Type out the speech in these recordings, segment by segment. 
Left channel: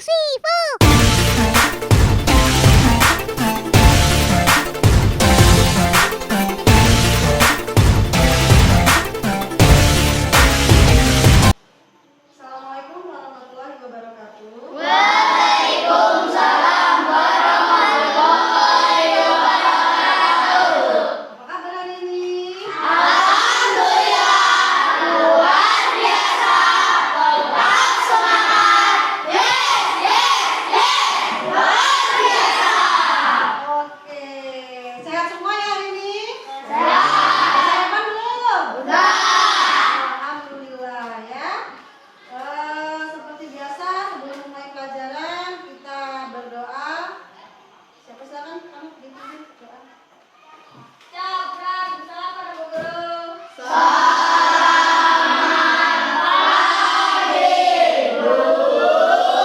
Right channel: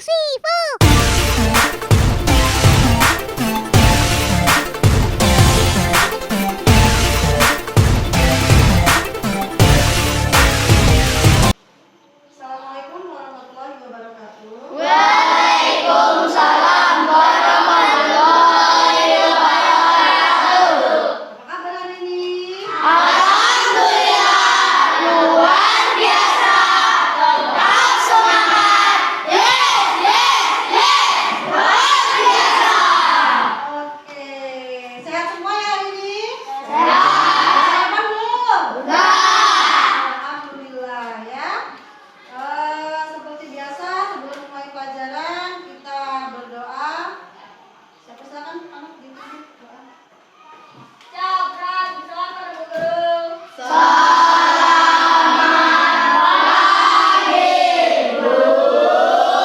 three, four. Assalamualaikum warahmatullahi wabarakatuh. Waalaikumsalam warahmatullahi wabarakatuh. Apa kabar hari ini? Alhamdulillah, luar biasa. Tetap semangat. Yes, yes, yes. Luar biasa. Oke, sehat semua ya hari ini? Sehat. Sarapan belum? Udah. Alhamdulillah ya. Seperti biasa sebelum mulai pelajaran kita berdoa. Siapa silakan kamu dipimpin doa. Salam pada Bu Guru.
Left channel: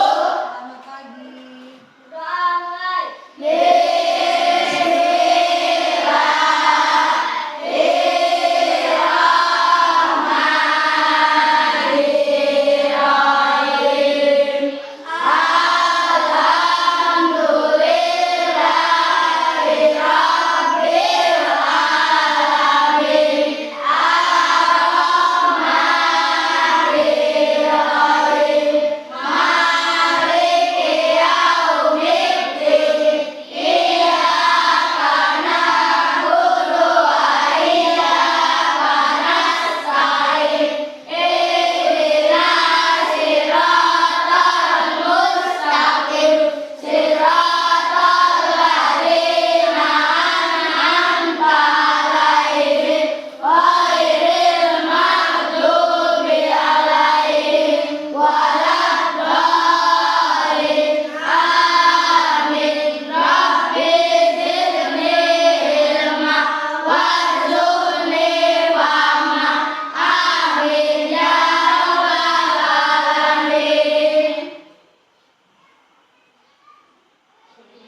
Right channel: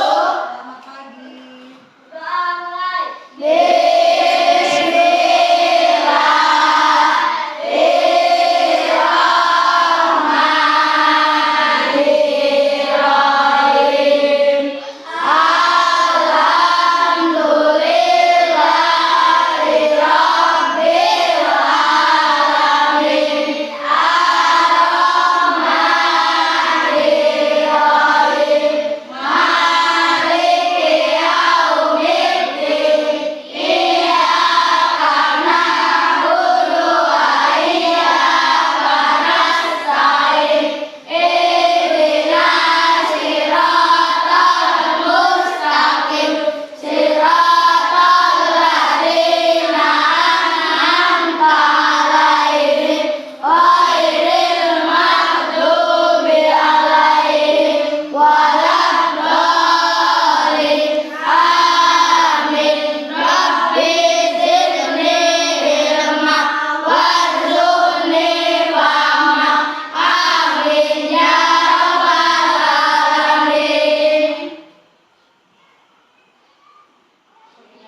Selamat pagi. Doa mulai.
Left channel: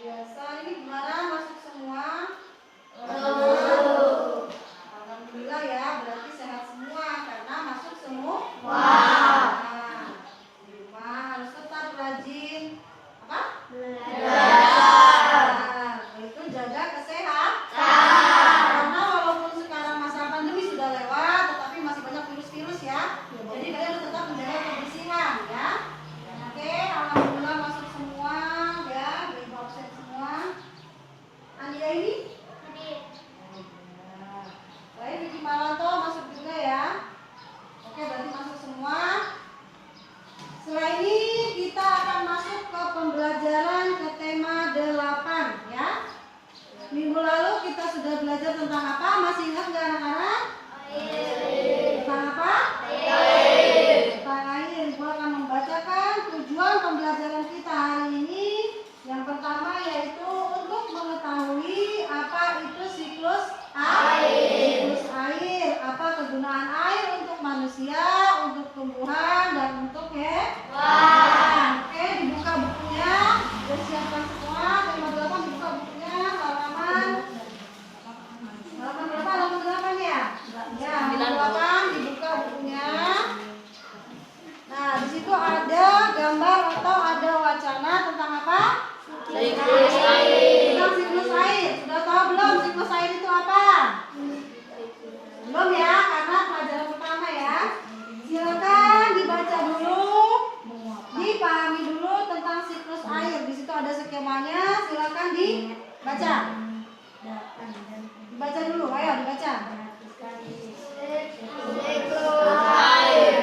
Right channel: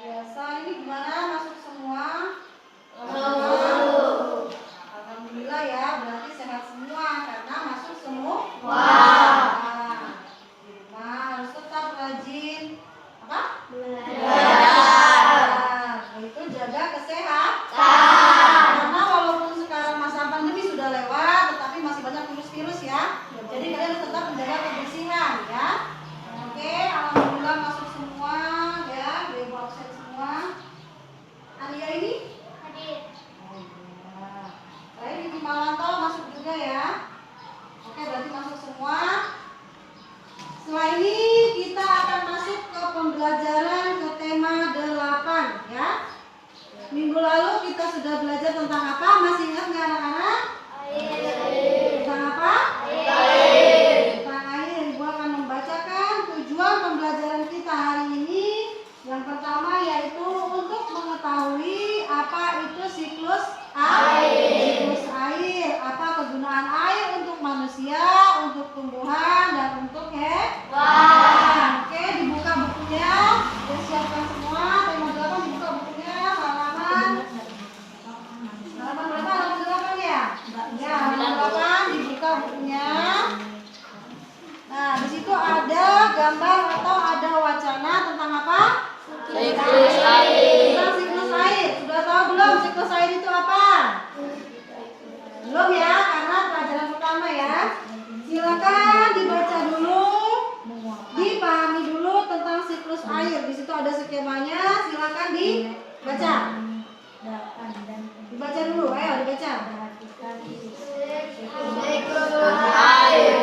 Biasa ini gimana masuk semua? Alhamdulillah ya, berarti sehat semua karena masuk semua. Nah, di rumah harus tetap rajin apa? Nah, itu jaga kesehatan. Karena walaupun sekarang masa pandemi sudah lewat, tetapi masih banyak virus-virus ya. Jadi kalian harus tetap menjaga kebersihan ya. Oke, alhamdulillah masuk semua ya, ibu absen semua. Ania ini? Lain Vicky Malanto masuk juga ya. Oke, berarti masuk semua. Setelah ini kita akan masuk ke pembelajaran ke tema 8 ya. Minggu lalu kita sudah belajar tentang apa? Masih ingat nggak anak-anak? Tentang apa? Tentang air. Ibu akan membacakan tujuan pembelajaran kita hari ini. Yang pertama yaitu untuk mengetahui apa itu siklus air. Siklus air, apa kegunaan air untuk manusia, untuk tumbuhan dan untuk hewan. Oke, dibuka bukunya. Disiapkan semua. Tema 8 dibuka bukunya. Halaman berapa? Halaman 8 ya? Ya, halaman 8 dibuka bukunya. Nah, di situ ada gambar atau ada wacana tentang apa? Siklus air. Tentang siklus air. Sudah tahu belum siklus air itu apa? Belum ya, karena pelajaran pertama ya. Silakan dibaca dulu, dipahami dulu tentang siklus air. Di situ ada skemanya, silakan dibaca. Dibaca dulu, ayo dibaca. Siklus air.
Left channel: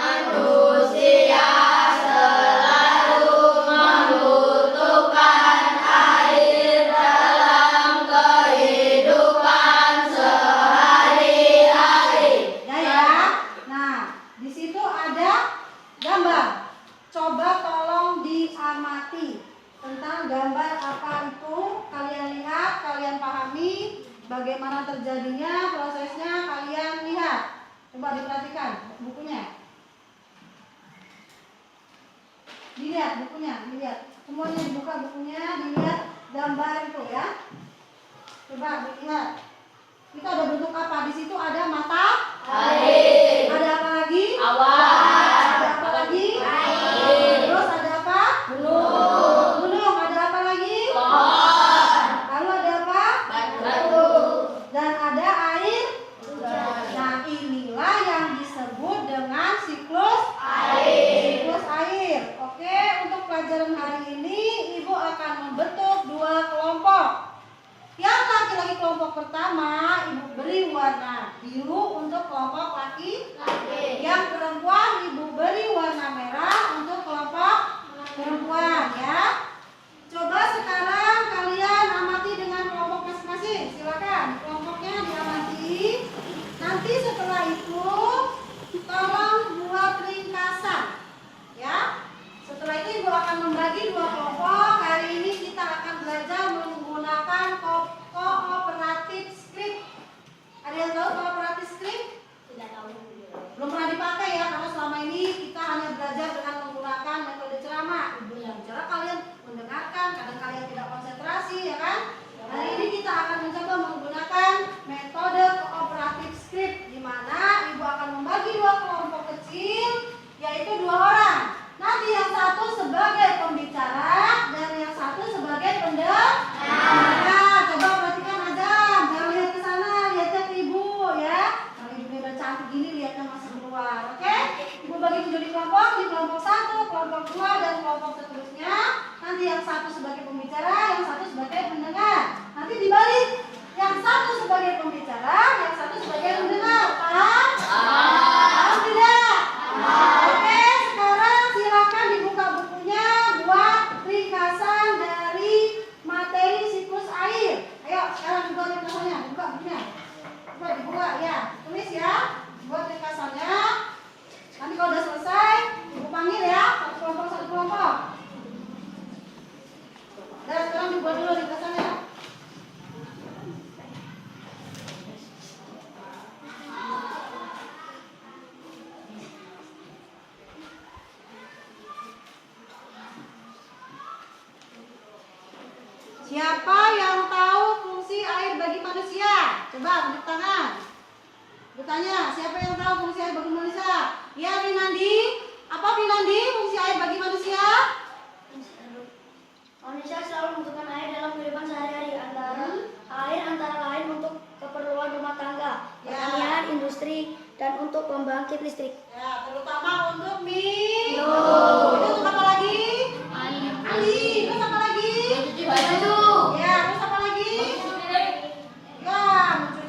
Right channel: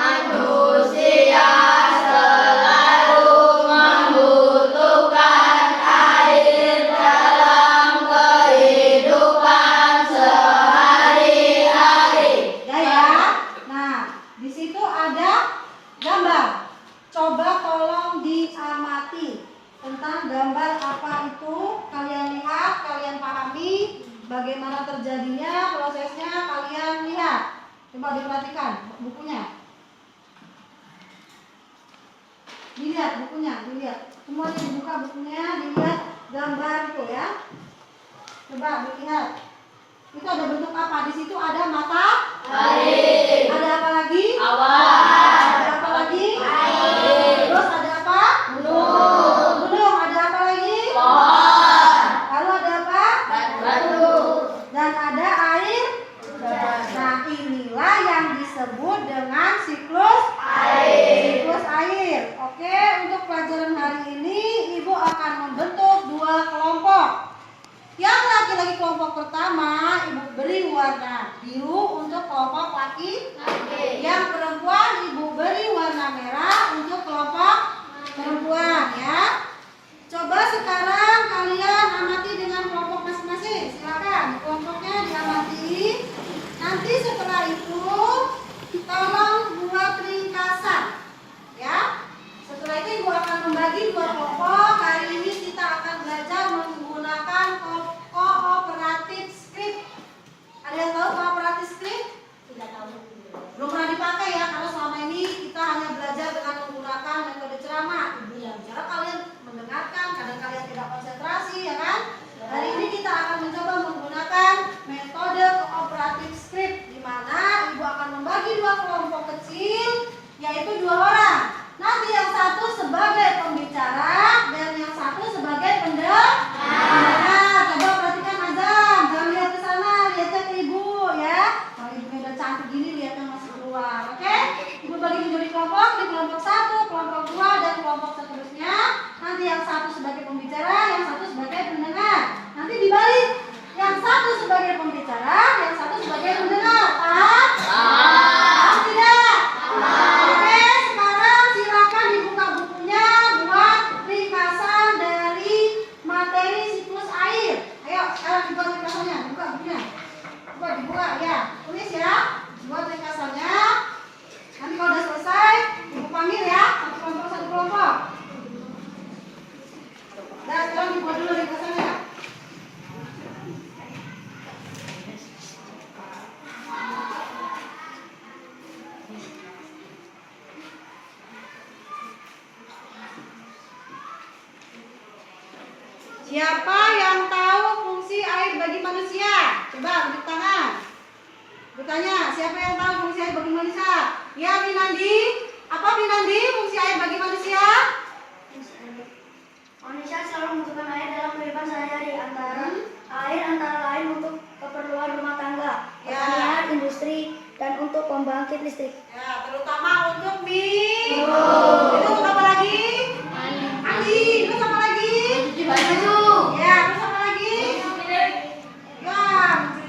Manusia selalu membutuhkan air dalam kehidupan sehari-hari. Ya. Nah, di situ ada gambar. Coba tolong diamati tentang gambar apa itu. Kalian lihat, kalian pahami bagaimana terjadinya, prosesnya kalian lihat. Coba diperhatikan bukunya. Dilihat bukunya, dilihat. Semuanya dibuka bukunya, dilihat gambar itu ya. Coba dilihat. Itu ada bentuk apa? Di situ ada mata Air. Ada apa lagi? Awan. Ada apa lagi? Air. Terus ada apa? pelajaran hari ini Ibu akan membentuk 2 kelompok. Yang laki-laki kelompok pertama Ibu beri warna biru untuk kelompok laki. Yang perempuan Ibu beri warna merah untuk kelompok perempuan ya. Coba sekarang kalian amati dengan kelompok masing-masing. Silakan kelompoknya diamati. Nanti setelah itu tolong buat ringkasan ya. Setelah itu Ibu akan membagi 2 kelompok. Hari ini kita akan belajar menggunakan kooperatif script. Ada yang tahu kooperatif script? Tidak tahu. Belum pernah dipakai ya, karena selama ini kita hanya belajar dengan menggunakan metode ceramah. Ibu yang bicara kalian mendengarkan, kadang kalian tidak konsentrasi ya kan? Hari ini kita akan mencoba menggunakan metode kooperatif script, di mana Ibu akan membagi 2 kelompok kecil, yaitu 2 orang. Nanti yang satu sebagai pembicara dan yang satu sebagai pendengar. Nah, coba perhatikan Azam, jangan lihat ke sana, lihatnya ke Ibu ya. Kalau Ibu udah cantik gini, lihatnya masih keluar, oke? Ibu bagi menjadi kelompok, di kelompok 1, kelompok 2, dan kelompok seterusnya. Nanti yang satu sebagai pembicara, yang satu sebagai pendengar. Nanti dibalik, yang satu sebagai pembicara, yang satu sebagai pendengar. Paham? Paham tidak? Oke, sekarang silakan dibuka bukunya buat ringkasan dari materi siklus air. Ayo, sekarang dibuat ringkasannya, dibuka bukunya. Dibuka ya. Tulis ya, buat ringkasannya. Nanti kalau udah selesai, Ibu panggil ya, satu kelompok. Nah, sekarang dibuat dulu ringkasannya ya. Siapa yang tahu fungsi air bagi manusia? Coba angkat tangan. Bertanya, siapa yang tahu fungsi air bagi manusia? Ya, Pinandi. Apa Pinandi fungsi air bagi manusia? Manusia selalu membutuhkan air dalam kehidupan sehari-hari, antara lain untuk keperluan rumah tangga, pertanian, industri, dan untuk pembangkit listrik. Ya, terutama untuk minum. Itu untuk apa lagi? Mandi. Terus apa lagi? Mencuci baju. Ya, terus apa lagi? Ya,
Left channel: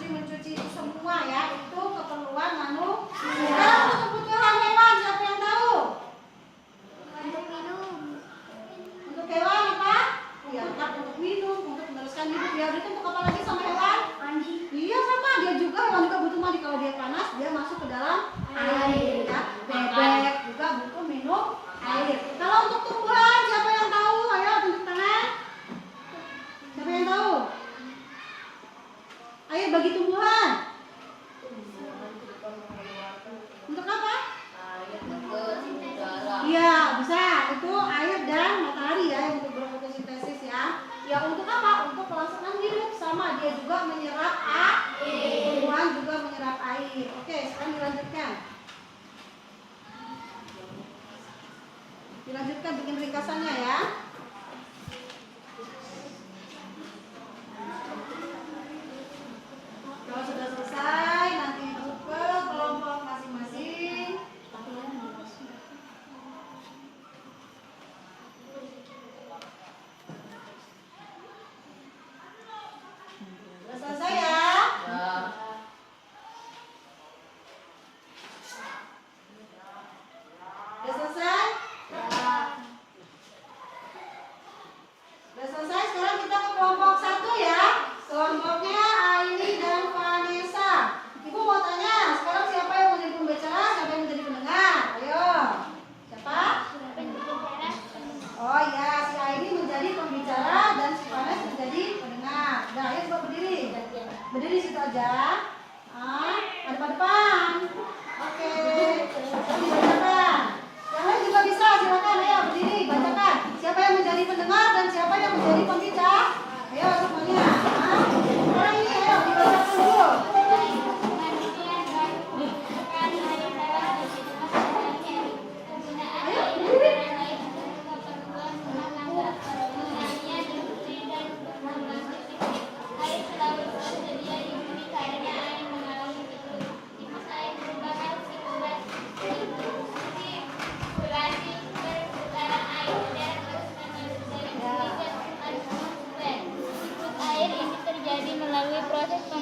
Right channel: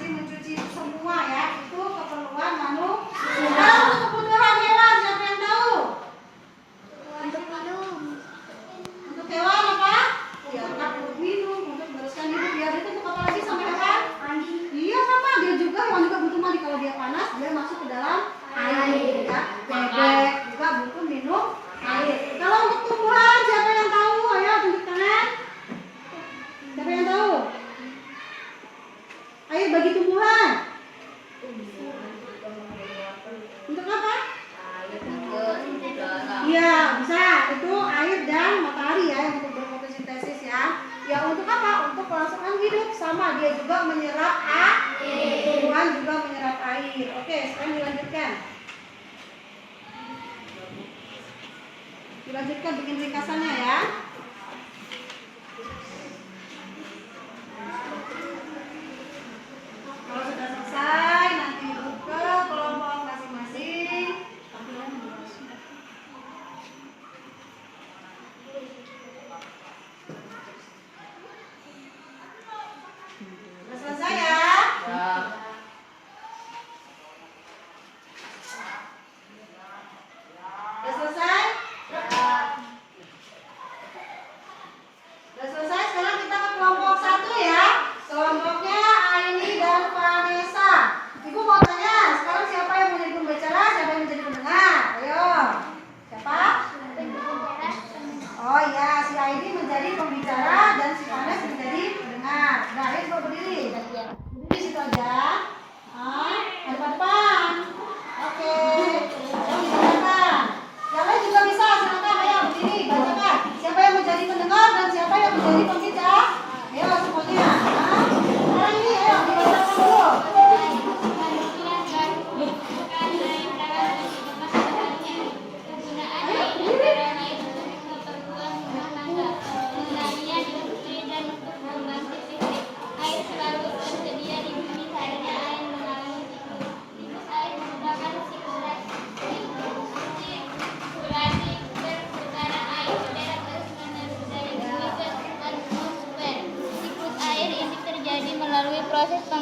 mencuci semua ya. Itu keperluan manusia. Nah, untuk kebutuhan hewan, siapa yang tahu? Untuk minum. Untuk hewan apa? Ya, untuk minum, untuk meneruskan hidup. Ya, itu untuk apa lagi sama hewan? Mandi. Iya, sama. Dia juga, hewan juga butuh mandi. Kalau dia panas, dia masuk ke dalam air. Ya. Bebek juga butuh minum air. Kalau untuk tumbuhan, siapa yang tahu? Ayo, tunjuk tangan. Siapa yang tahu? Air bagi tumbuhan. Untuk apa? Iya, bisa. Itu air dan matahari ya, yang untuk berfotosintesis ya. Ya, untuk apa? Untuk kelangsungan hidup. Sama, dia juga menyerap air. Tumbuhan juga menyerap air. Oke, sekarang dilanjutkan. Dilanjutkan bikin ringkasannya ya. Kalau sudah selesai, nanti Ibu ke kelompok masing-masing. Sudah selesai ya? Sudah selesai?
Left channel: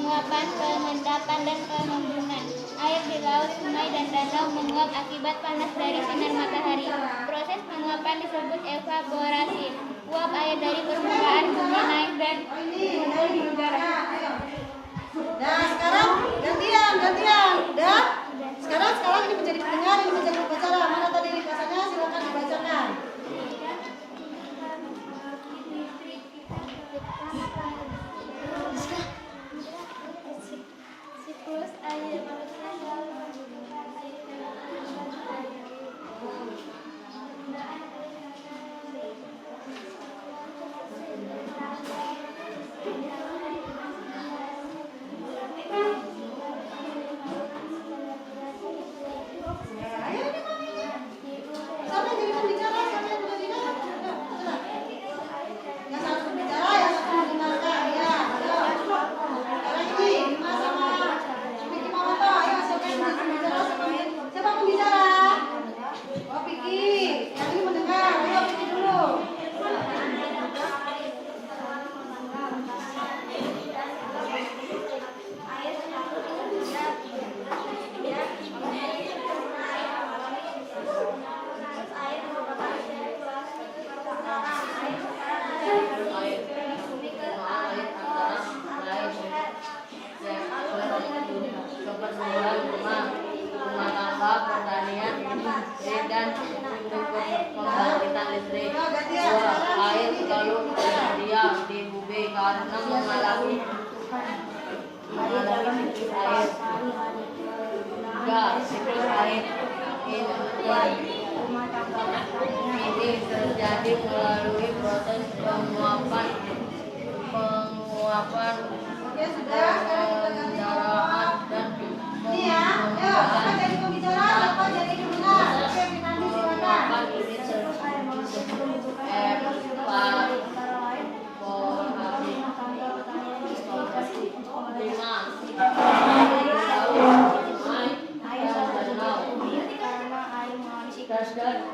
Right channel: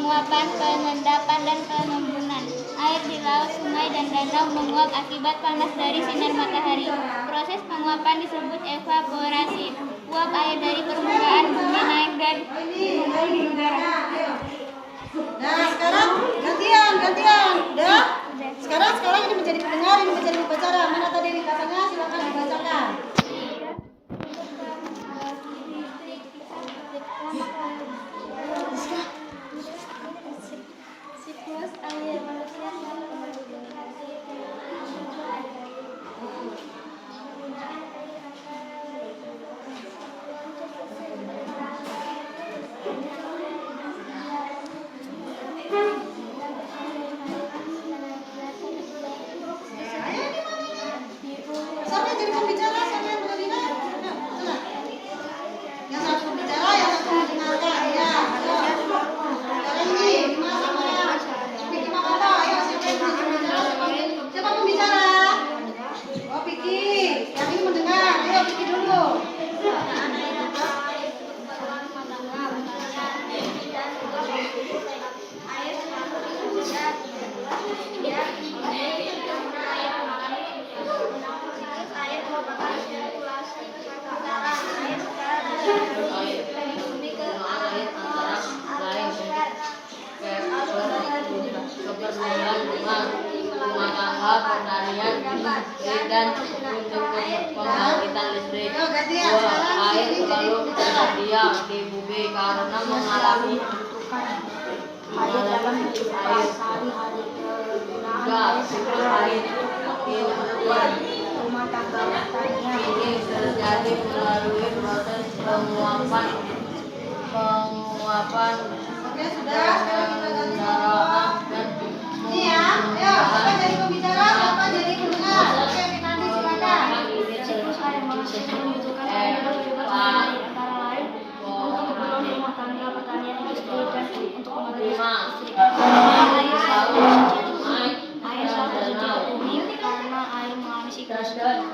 penguapan, pengendapan, dan pengembunan. Air di laut, sungai, dan danau menguap akibat panas dari sinar matahari. Proses penguapan disebut evaporasi. Uap air dari permukaan bumi naik dan mengumpul di udara. Nah, sekarang gantian. Udah? Sekarang ini menjadi pendengar, ini menjadi pembicara. Mana tadi dikasanya? Silakan dibacakan. Siklus air manusia yang menentukan air dalam suatu air. Siapa yang jadi pembicara? Siapa yang berani? Yang satu pembicara, yang satu mendengarkan. Ya, ayo. Sekarang ini, masuk mana? Piki Mamato, ayo siapa yang jadi pembicara? Siapa pembicara? Oh, Piki. Yang ini mendengar. Ayo, Piki dulu. Keperluan rumah tangga, pertanian, industri, dan untuk pembangkitan listrik. Dua, air selalu tersedia di bumi karena mengalami Air dalam air. sehari-hari Tiga, siklus air kehidupan rumah tangga pertanian. ini terjadi melalui proses penguapan, Oke, sudah. Sekarang kita ganti pengendaraan, dan ini ya. Ayo, siapa jadi pembicara, siapa jadi pendengar? Oke, kita nanti silakan. Siklus air manusia membutuhkan air yang bersumber dari antara lain untuk keperluan rumah tangga, pertanian, industri, dan untuk pembangkitan listrik. Air selalu terjadi di bumi karena air mengalami siklus.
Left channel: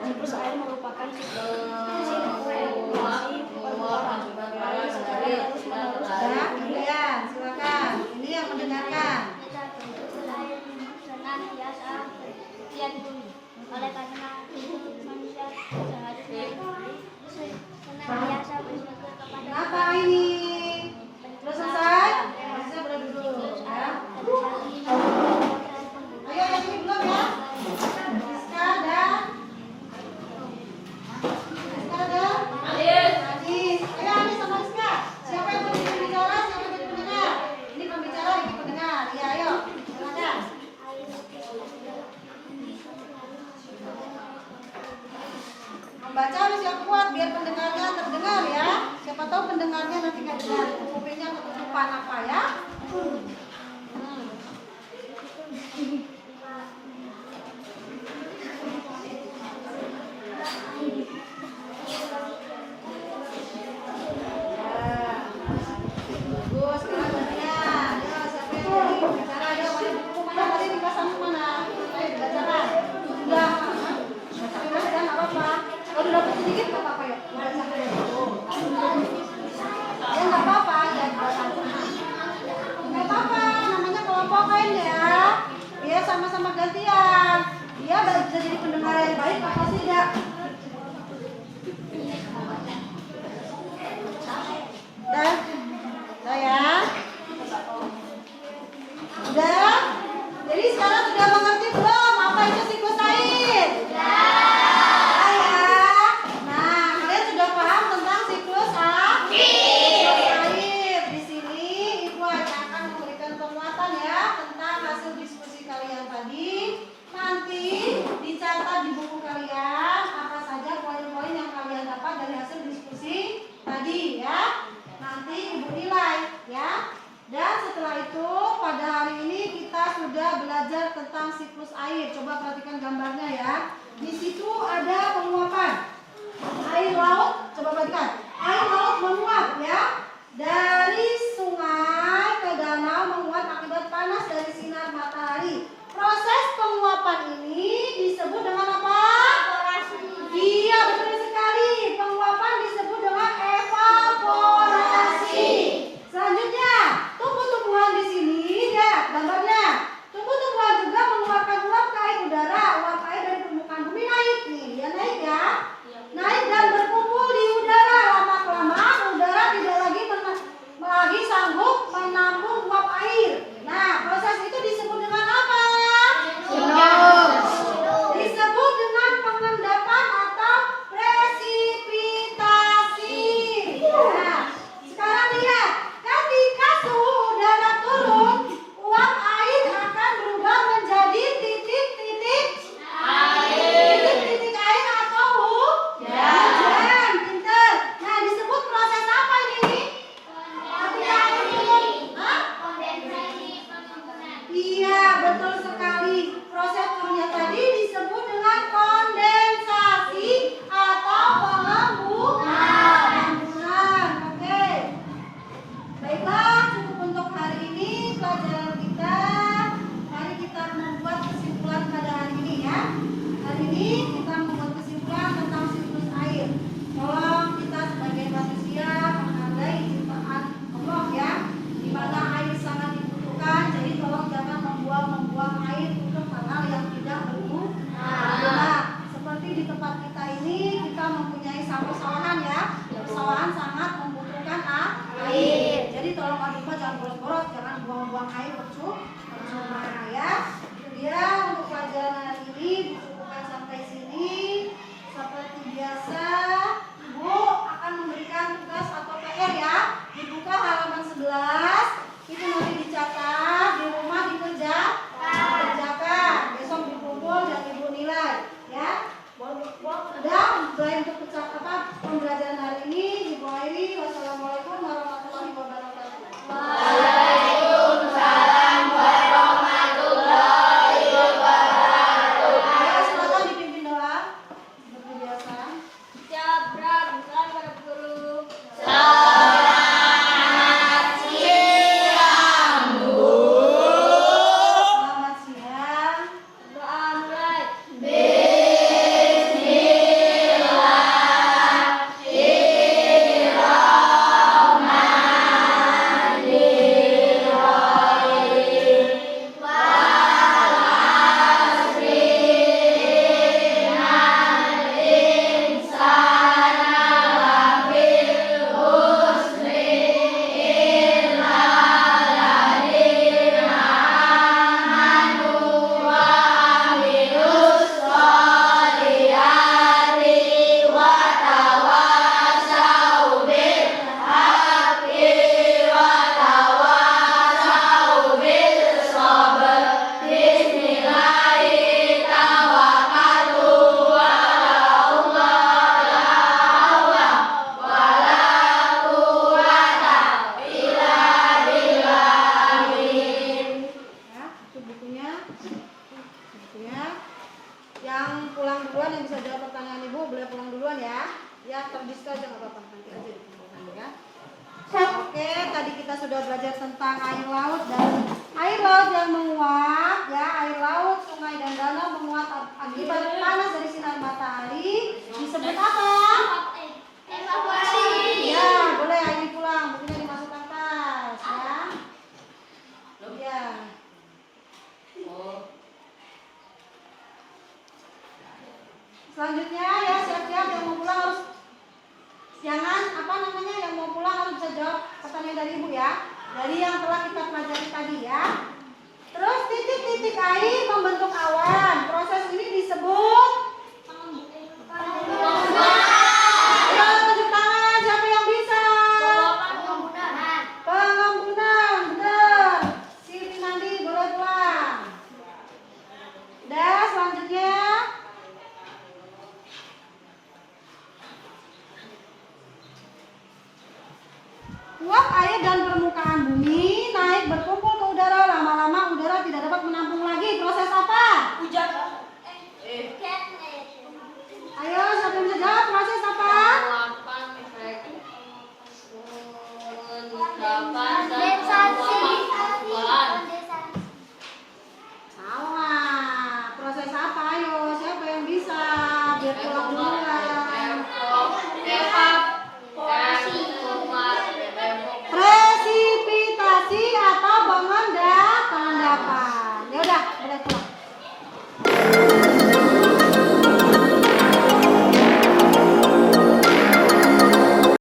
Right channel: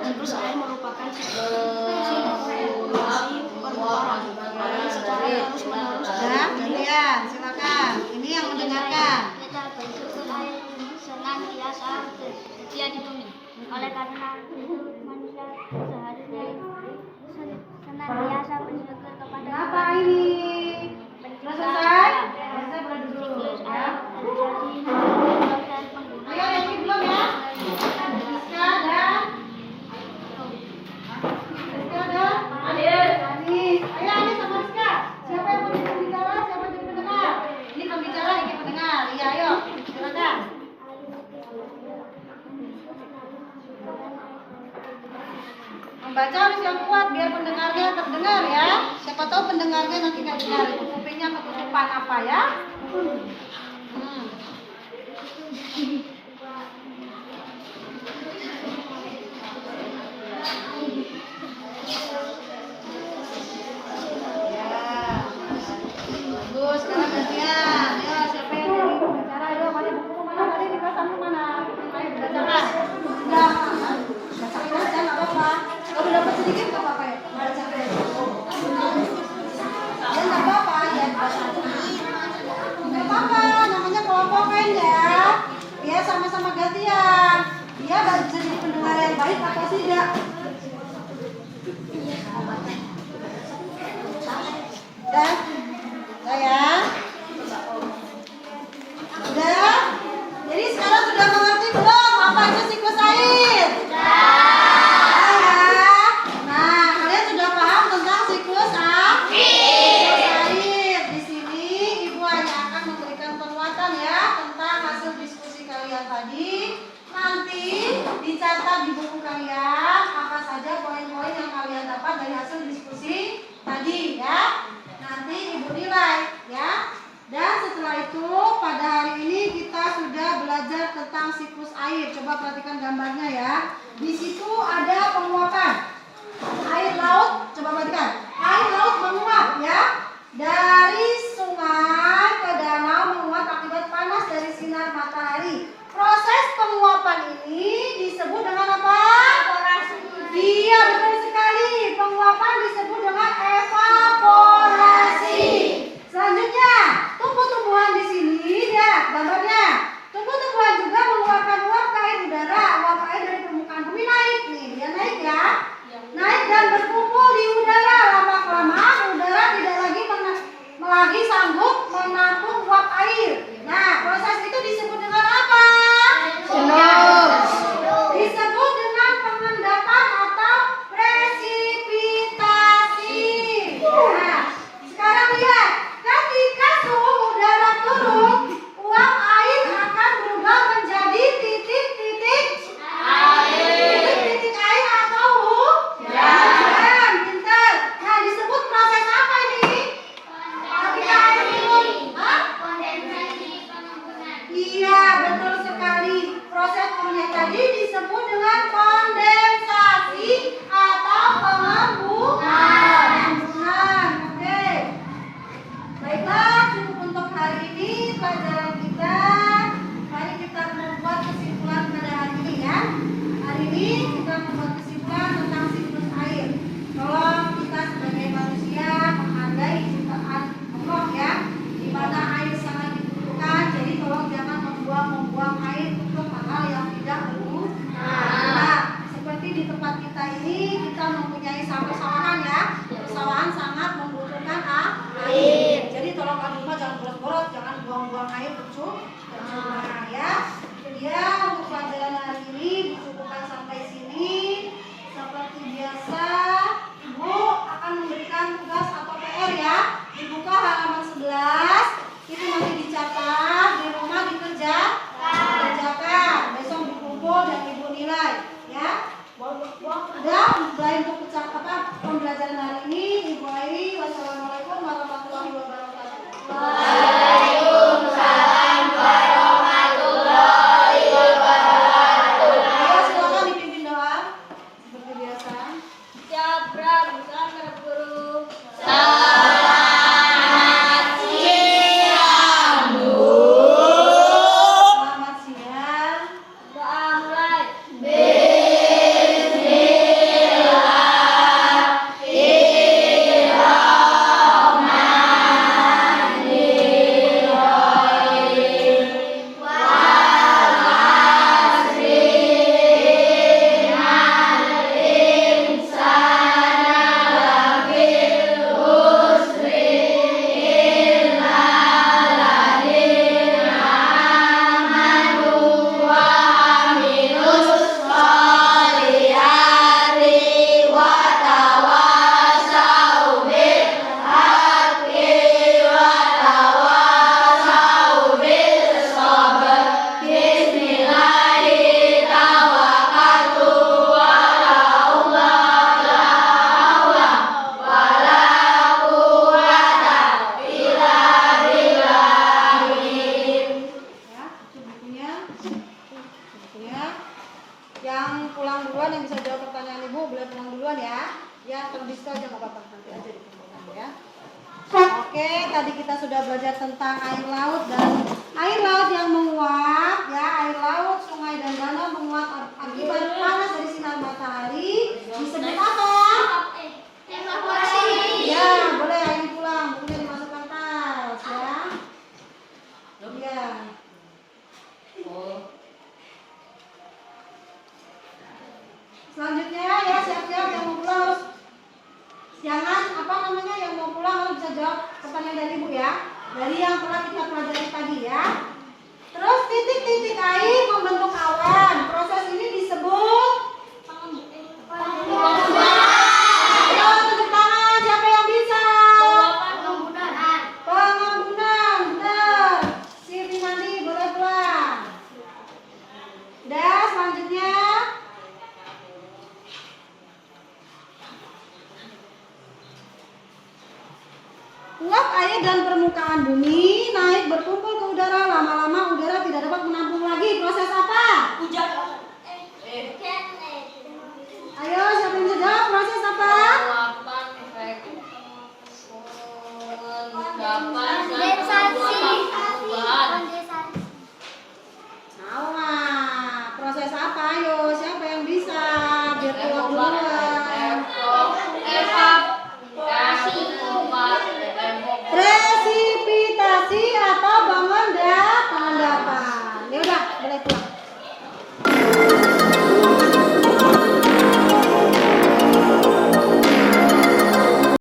Siklus air merupakan sirkulasi perputaran air secara terus-menerus. Sudah, gantian. Silakan. Ini yang mendengarkan. Sirkulasi air senantiasa tersedia di bumi. Oleh karena itu manusia seharusnya senantiasa bersyukur kepada Kenapa ini? Sudah selesai? Selesai beradu dulu. Ya. Ayo yang ini belum ya? Rizka dan Anis. Ayo Anis sama Rizka. Siapa yang mau jadi pembicara? Siapa yang jadi pendengar? Ini pembicara, ini pendengar. Iya, ayo. Silakan. Membaca harus yang kuat biar pendengarnya terdengar ya. Siapa tahu pendengarnya nanti nggak dengar. Kupingnya ketutupan apa ya? Bagus, sekarang gantian. Ayo, siapa yang jadi pembicara? Ayo, mana buku mana tadi di kelasanmu mana? Ayo, dibacakan. Sudah. Bacakan aja, nggak apa-apa. Kalau dapat sedikit nggak apa-apa ya? Bacakan. Ya nggak apa-apa, ya dibacakan. Nggak apa-apa, namanya kelompokan ya. Ya sama-sama gantian. Dia bisa jadi pendengar yang baik apa tidak? Udah ya? Udah? Jadi sekarang sudah mengerti belum apa itu siklus air? Sudah ya? Nah, kalian sudah paham tentang siklus air. Di sini Ibu hanya akan memberikan penguatan ya tentang hasil diskusi kalian tadi. Nanti dicatat di buku kalian apa saja poin-poin yang kalian dapat dari hasil diskusi tadi ya. Nanti Ibu nilai ya. Dan setelah itu pada hari ini kita sudah belajar tentang siklus air. Coba perhatikan gambarnya ya. Di situ ada penguapan. Air laut, coba perhatikan. Air laut menguap ya. Dari sungai ke danau menguap akibat panas dari sinar matahari. Proses penguapan ini disebut dengan apa? Evaporasi. Iya, betul sekali. Penguapan disebut dengan evaporasi. Selanjutnya, tumbuh-tumbuhan di sini air. Nah, proses itu disebut dengan apa? Disebut dengan pengendapan atau presipitasi. Nah, sekarang lihat, ketika suhu udara turun, uap air akan berubah menjadi titik-titik air. Titik-titik air atau hujan. Pintar. Nah, disebut proses apa ini? Ketika air turun. Hah? Kondensasi pengambunan. Iya, betul sekali. Proses yang tadi disebut dengan kondensasi atau pengambunan. Oke. Baiklah, cukup untuk hari ini pelajaran kita. Mari kita membuat kesimpulan pada hari ini ya. Hari ini kita membuat kesimpulan tentang siklus air. Tolong kita sebagai manusia menghargai ciptaan Allah ya, di mana air sangat dibutuhkan. Jadi tolong jangan membuang air untuk hal-hal yang tidak berguna. Nah, seperti di tempat kita ini kita mempunyai sawah-sawahan ya. Persawahan sangat membutuhkan air. Jadi tolong di rumah jangan boros-boros, jangan buang-buang air percuma ya. Itu dia untuk pelajaran hari ini, dicukupkan sampai sini. Seperti biasa, Ibu akan memberikan tugas atau PR ya. Dibuka halaman 11, itu nanti dicatat, di rumah dikerjakan. Besok dikumpul dan Ibu nilai ya. Udah, selain untuk pembelajaran hari ini, Ibu Airi, wassalamualaikum warahmatullahi wabarakatuh. Waalaikumsalam warahmatullahi wabarakatuh. Ayo silakan dipimpin doa seperti biasa. Jabra, bukan para guru. Selamat siang, Bu. Selamat siang. Doa mulai. Ya, itu bukunya. Yang pulang duluan yang bisa jawab pertanyaan Ibu boleh pulang duluan ya. Ya, terdiska aja nggak apa-apa, nanti aja dikumpulkan ya. Oke, tadi kita sudah belajar tentang air laut dan air laut yang menguap ya, air laut, sungai dan danau menguap akibat panas dari sinar matahari disebut apa? Evaporasi. Ya, boleh ini pulang, bukunya dimasukkan tas ya. Ya. Selanjutnya ya, siap-siap yang mau pulang harus jangan yang mau pulang harus bisa jawab pertanyaan dari Ibu ya. Dari yang telah kita pelajari tadi ya. Terus titik-titik air membentuk awan. Proses ini disebut pengambunan. Ayo tepuk tangan, siapa yang bisa? Pengambunan, benar. Si Finandi boleh pulang. Udah, selanjutnya. Uap air dan permukaan bumi naik berkumpul ke udara. Lama-lama udara tidak dapat menampung lagi. Proses apa? Hujan.